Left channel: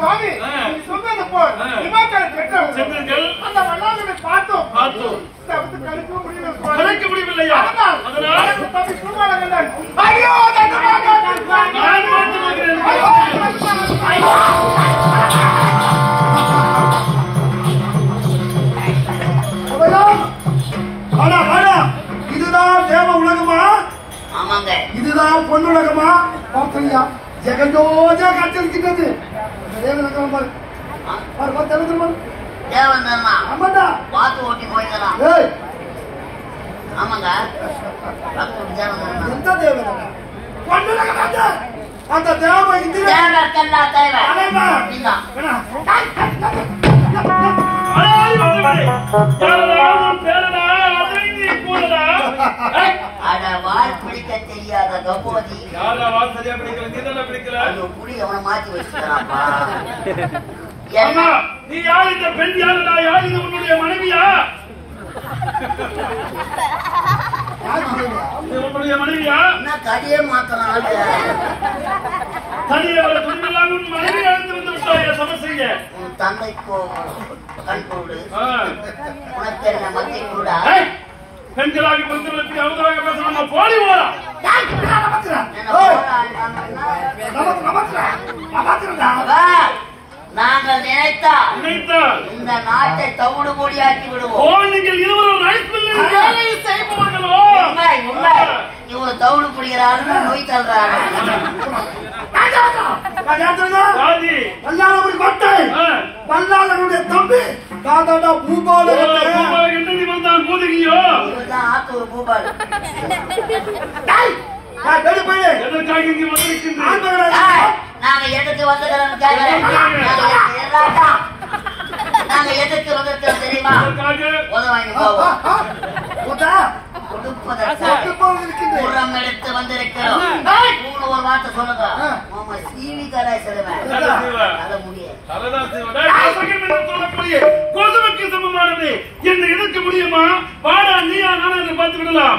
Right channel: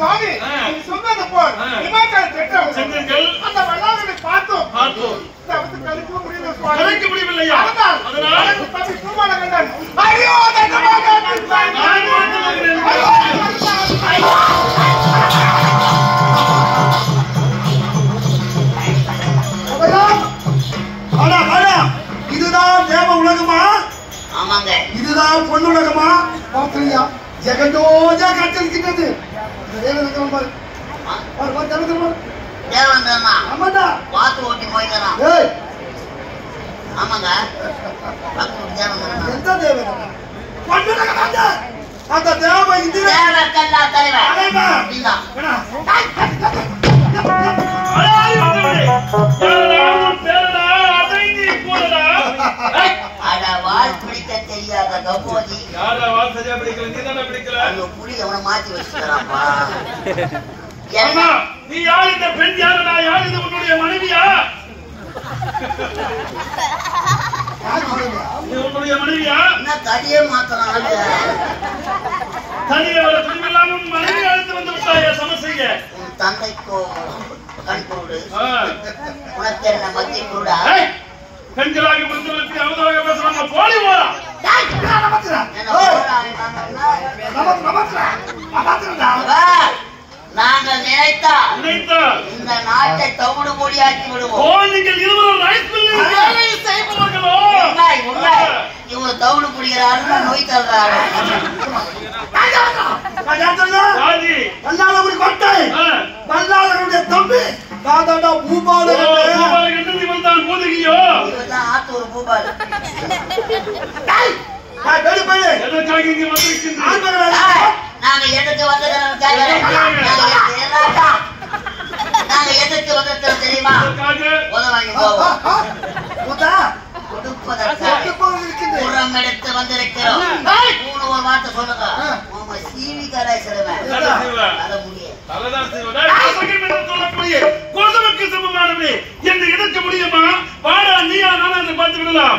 சுவாமி நீ சொன்னது போல் இமாச்சல சென்றோம் சென்றீர்கள் அந்த வல்லாளனை பார்த்தோம் கலைக்க முடியல சுவாமி கலைக்க முடியவில்லையா அதனால் தப்பி பூமால கண்டான் ஐயோ தங்கமாக நான் வந்து வருகிறேன் இதுதான் தேவ உலகமா? ஆமாங்க. இதுதான் பொன்னுலகமா? பார்க்கலையா? ஜெகஜோஜா காத்திருக்கிறது. தேவன் பாரு. தேவன் தானா? ஆமாண்டா. வாத்து ஓட்டி போய்க்கலாம். ஏய். ஆமாங்க. வாத்து ஓட்டி தேவன் தானா? எந்த தேவன்? பொன்னுலகம் அந்த. அந்த தேவ இது தேவரக்கல்லா தலைவர். தலைவர். நீங்க. வேணா. அட வால் பிடிக்க தெரியாத கபோதி. யாரா வால் சரியா பிடிக்கல நீ தான பிடிக்கல. அது புடி அவனை மாத்தி வச்சிட்டான்ப்பா. அம்மா நீ யார் இந்த பெண் யாரடா யார் இது உன்னுடைய மனைவியா? நீ உன்னுடைய மனைவியா? என்ன கடியே மாத்தறானே. தனியே வர துணிவில்லாம உன் மனைவி அழைத்து வந்து விட்டாயே சமர் செய்ய. உன் தந்தைக்கோ கண்கூடு. உனக்கு என்ன மத்தி கூடா? பெண்களாக பிறந்தவர்களுக்கு அவதாக பேசலாமா போலி ஓரா நாங்கள் நினைத்தால் இந்த நாட்டை தவிடு பொடியாக்கி விடுவோம். நீங்கள் இருவரும் வேலை செய்பவர்களோ இவங்க தவிடு புடிக்கிறாரு நோய் தள்ளுறாரு. தம்பி ஆத்தூர் பூபால் நாங்க எதுக்கு வந்துக்கிறோம் நாங்க எதுக்கு வந்துட்டோம் தெரியுமா? வாங்கி போவோம் உரம் எடுத்து வந்திருக்கிறோம். ஒரு வார்த்தை சொல்லுங்க. சீவி கடாய் செல்வேன் அத முடியாது. என்ன எதிர்க்க முடியுமா? வாடா நீயா நானா என்று பார்த்து விடலாம்.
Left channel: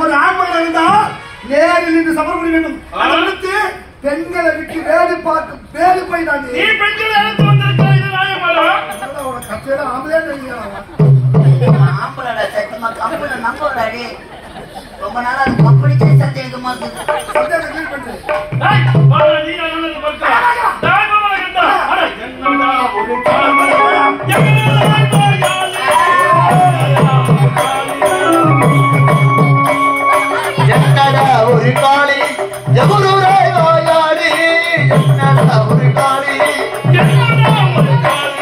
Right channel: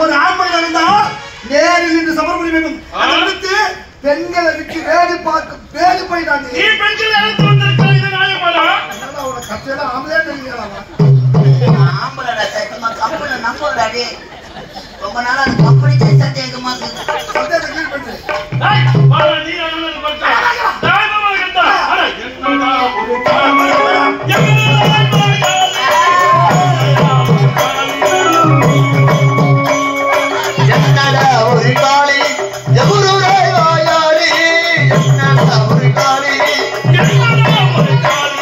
ஒரு ஆண்மகன் இருந்தா நேரில் நின்று சமர்ப்பணி வேண்டும். அடுத்து பெண்களை விட்டு வேடி பார்க்க வேடி போயிட்டாங்க. நீ பெண்களை அழைத்து வந்திருக்கிறாய் இது நியாயமாடா? உனக்கு கட்சியில ஆம்பளே நினைக்கிறான். ஆம்பளை சத்தியமா கம்பெனி நம்புறாடி. ரொம்ப நாளா கம்பெனி சத்தியமா சத்தியத்தை கிளீன் பண்ணு. வாடா நீயா நானா என்று பார்க்கலாம். தாய்மாமா கண்டா அட என்னடா ஒரு கால் என்னடா ஒரு காளி ஜகுருராய் வாயாடி என்னடா ஒரு காளி என்னடா ஒரு காளி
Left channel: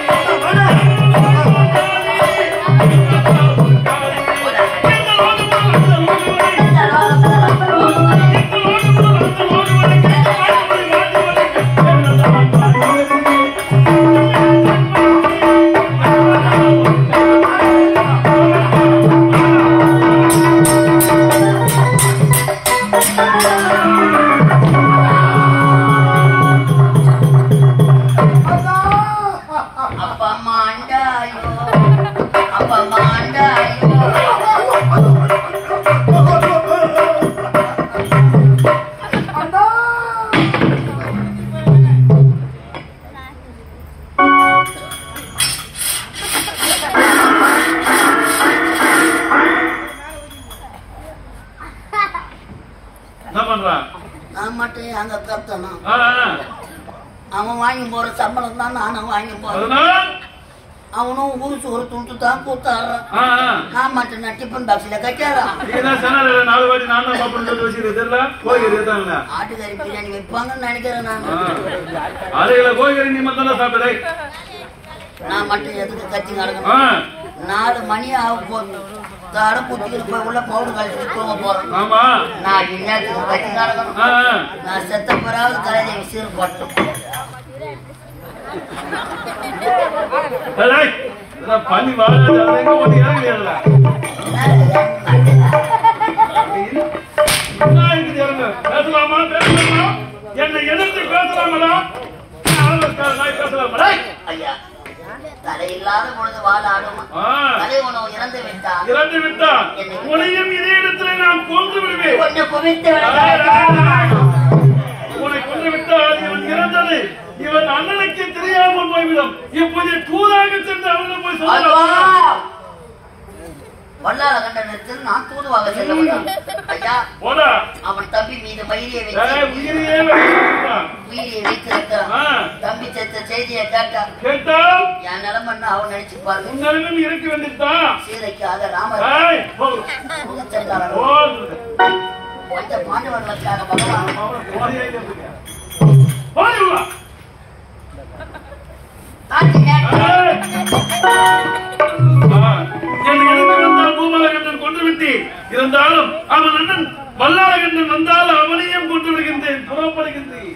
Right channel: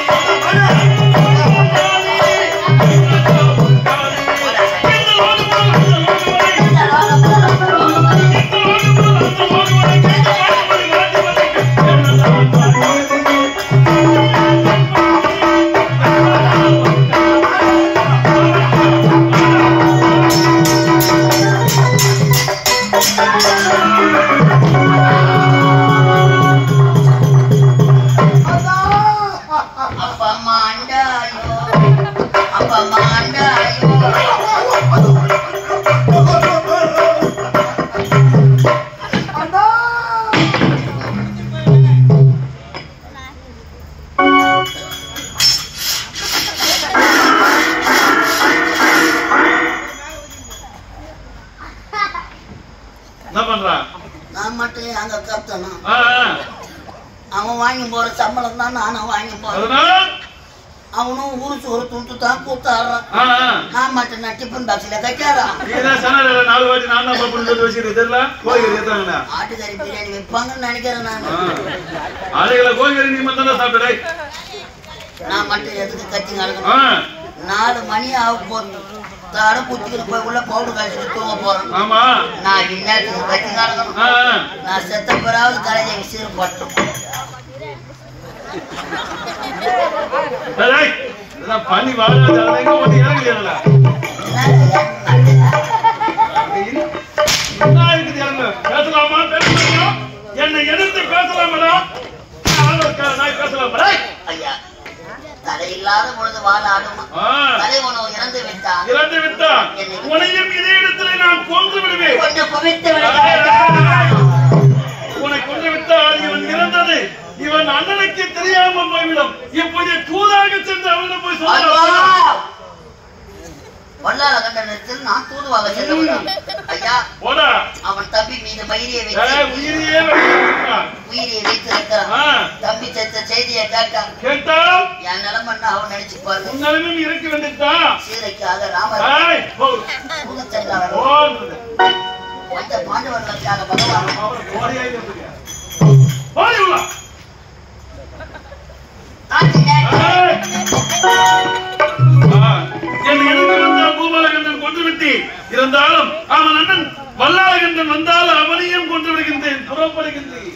அவன் வாங்கி போற சம்பளம் தான் நானும் வாங்கி போறேன். அவனும் ஊருக்கு ஒரு துண்டு தான் கூத்தாடுறான். நான் மட்டும் நான் டிஃபன் பாக்ஸ்ல கட்டாதான். ஆட்டுக்கறி பிரியாணி வைப்பாங்கன்னு நினைக்கிறேன் நான். நான் மட்டும் எதுக்கு கட்டி நடக்கணும்? 4 மணி ஆக போகுது. தாடம் குத்திக்கிட்டு போய் உள்ள பவுடர் கழிச்சுட்டு தூங்க போறேன். நான் இந்நேரத்துக்கு கட்டி நடக்கணும். நான் செத்த பிறாவது கலைஞை விசிறு போட்டேன். பண்ணி வாழ பேசலாமா என்னை எதிர்த்து பேசலாமா? பேசலாம் ஐயா தலையில்லாத பொழுது வாழ ஆடுமா? தலை உணவு இறந்து விட்டான். உனையும் இதே இடத்துல நான் கொன்று விடுவேன். கொஞ்சம் குவித்து விட உன்னை கொன்று விட்டா ஆனால் இவன் இறந்தது இவன் அண்ணனுக்கு தெரியாமல் போய்விடும். இப்போது தூதாக சென்று அவனை போய் சொல்லுவான். வல்லால கண்டனத்தில் நான் தூதுவாக செல்ல ஐயா போடா. அவன் தம்பி மீது மயிரியை உயிரியே வைத்திருக்கிறான். தம்பி செத்த செய்தியை கேட்டால் என் நிலமன்னா அவன் நினைச்சு பாருங்க. நிலைமை இருக்க வேண்டியதுதான். சீரைக்காக ராமர் சென்றார். வந்த பாண்டவர்களுக்காக பகவான் கொண்டு விட்டேன். இருந்தாலும் அவன் அண்ணன் வல்லாளகண்டன் வந்தாலும் அவனையும் கொண்டு விடுகின்றேன். புறப்படுகின்றேன்.